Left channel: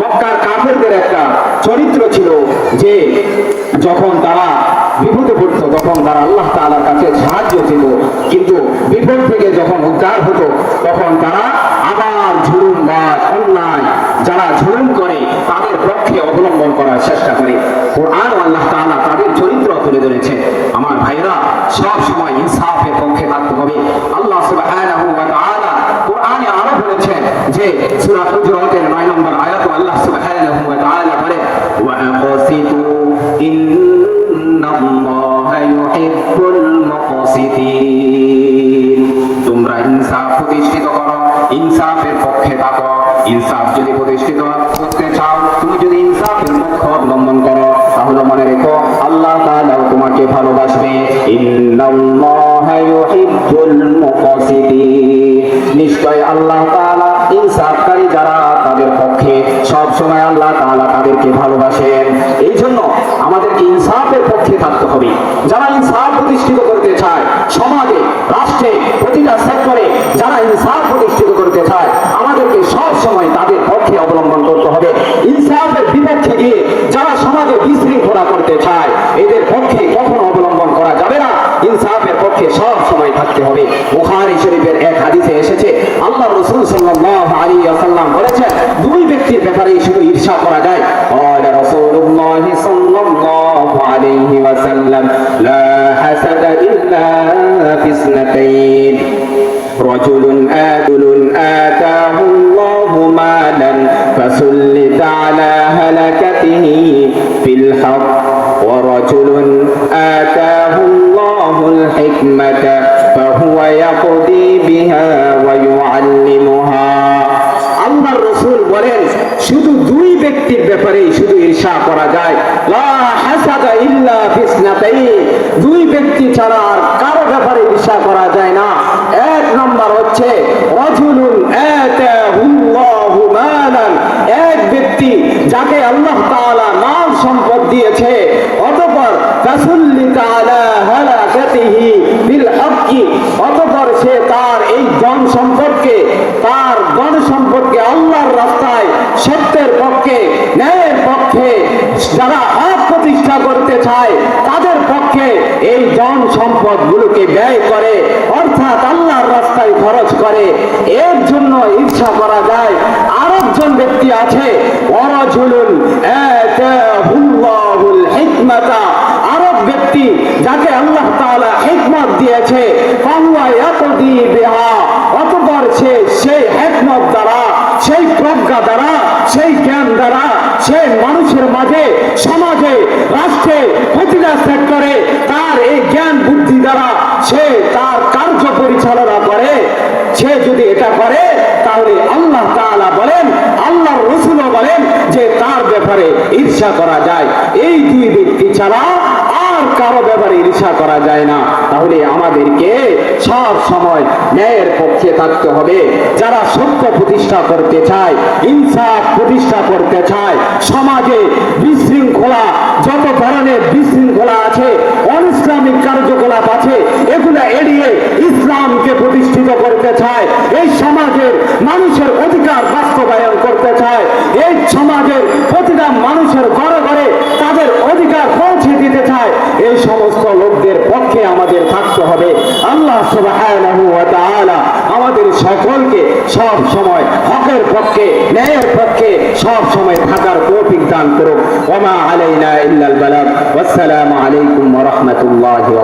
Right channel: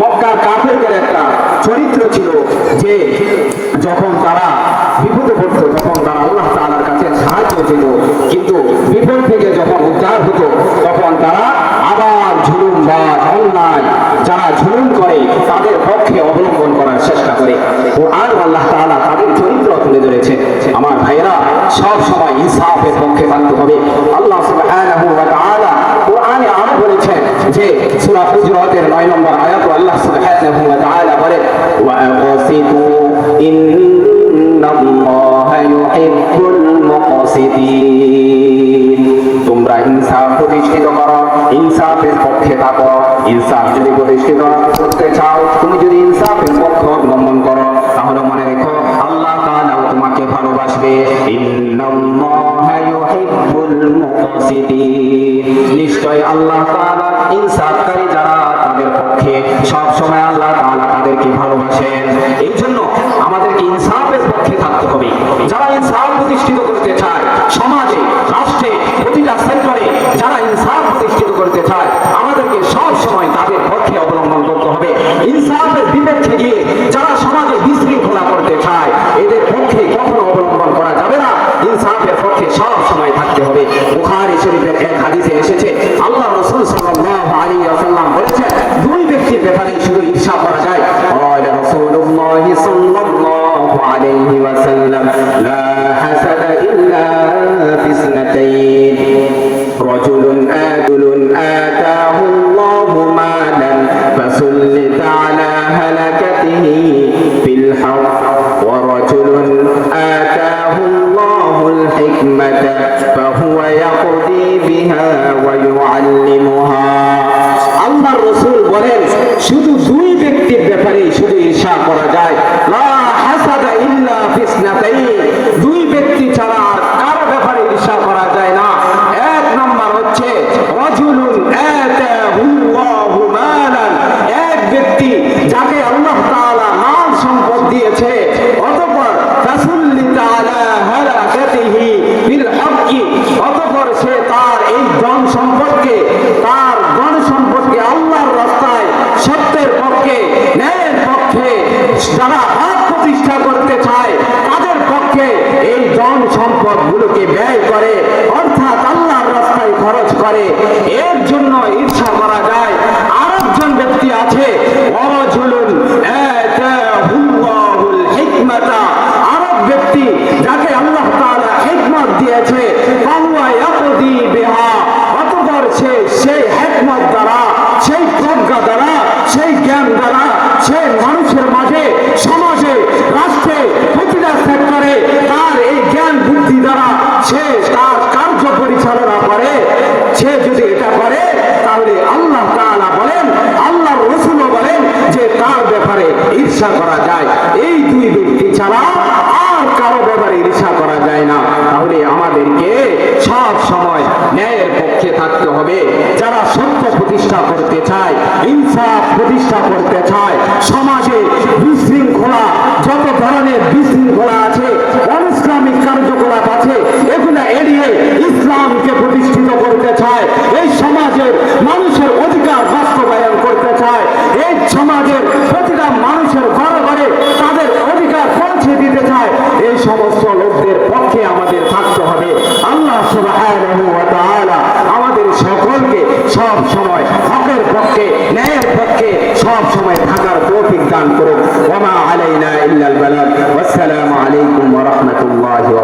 মক্কার কাফেরদের একটা চরিত্র ছিল যে যখন তারা বিপদে পড়ত, তখন তারা আল্লাহ তাআলার কাছে সাহায্য চেত কিন্তু বিপদ থেকে যখন উদ্ধার হতো, তখন তারা আবার ঝুলুম বা অন্যায় যারা ঝুলুম করে, তাদের পক্ষে অবলম্বন করার চেষ্টা করে। ও আল্লাহ তাআলা তাদের চরিত্র তুলে ধরেছে আমার ভাইরা সব সময় ইনসাফের পক্ষে থাকতে হবে। আল্লাহ সুবহানাহু ওয়া আরও বলেছেন যে, সূরা হুজুরাতের 9 নম্বর আয়াত আল্লাহ সুবহানাহু ওয়া তাআলা বলেন ওয়া তোমরা ইনসাফ প্রতিষ্ঠিত করো ইনসাফের পক্ষে থাকো ইনসাফ যদি প্রতিষ্ঠিত ভালোবাসেন এই জন্য আমাদেরকে ইনসাফের পক্ষে থাকতে হবে। যারা ইনসাফ প্রতিষ্ঠিত করতে চায়, সমাজে, রাষ্ট্রে, প্রতিটা সেক্টরে যারা ইনসাফ عليه وسلم لا حسد إلا في اثنتين رجل آدل آتاه minha pele ধন সম্পদ গুলোকে ব্যয় করে, অর্থাৎ আল্লাহর রাস্তায় খরচ করে, এর জন্য ঈর্ষা করা যায়। আছে ওয়ারাজুলুন আতাহুল্লাহুল ব্যক্তি সে সেই দ্বারা সেই দ্বারা, সেই জ্ঞান দ্বারা, সে মানুষের মাঝে, সমাজে, রাষ্ট্রে প্রতিটা সে তার কার্য পরিচালনা করে, সে যদি এটা করে, তাহলে আল্লাহ তাআলা বলেন, আল্লাহর রসুলও বলেন যে তার ব্যাপারে ঈর্ষা করা যায়। এই দুই ব্যক্তি ছাড়া আর কারও ব্যাপারে ঈর্ষা করা যায় না। তাহলে আমাদেরকে সব সময় ন্যায়ের পক্ষে থাকতে হবে। যারা সত্য প্রতিষ্ঠা করতে চায়, ইনসাফ প্রতিষ্ঠা করতে চায় সমাজে বিশৃঙ্খলা যত ধরনের বিশৃঙ্খলা আছে অনিসলামিক কার্যকলাপ আছে এগুলা এড়িয়ে ইসলামকে প্রতিষ্ঠিত করতে চায় এই সমাজের মানুষের অধিকার বাস্তবায়ন করতে চায় এই সমাজের প্রতিটা মানুষের ঘরে ঘরে তাদের অধিকার পৌঁছে দিতে চায় এই সমস্ত লোকদের পক্ষে আমাদের থাকতে হবে। আল্লাহ সুবহানাহু ওয়া তাআলা আমাদের সকলকে সব সময় হকের পক্ষে, ন্যায়ের পক্ষে সব সময় থাকার তৌফিক দান করুন ওয়া মা আলাইনা ইল্লাল বালাগ। ওয়াসসালামু আলাইকুম ওয়া রাহমাতুল্লাহি ওয়া বারাকাতুহু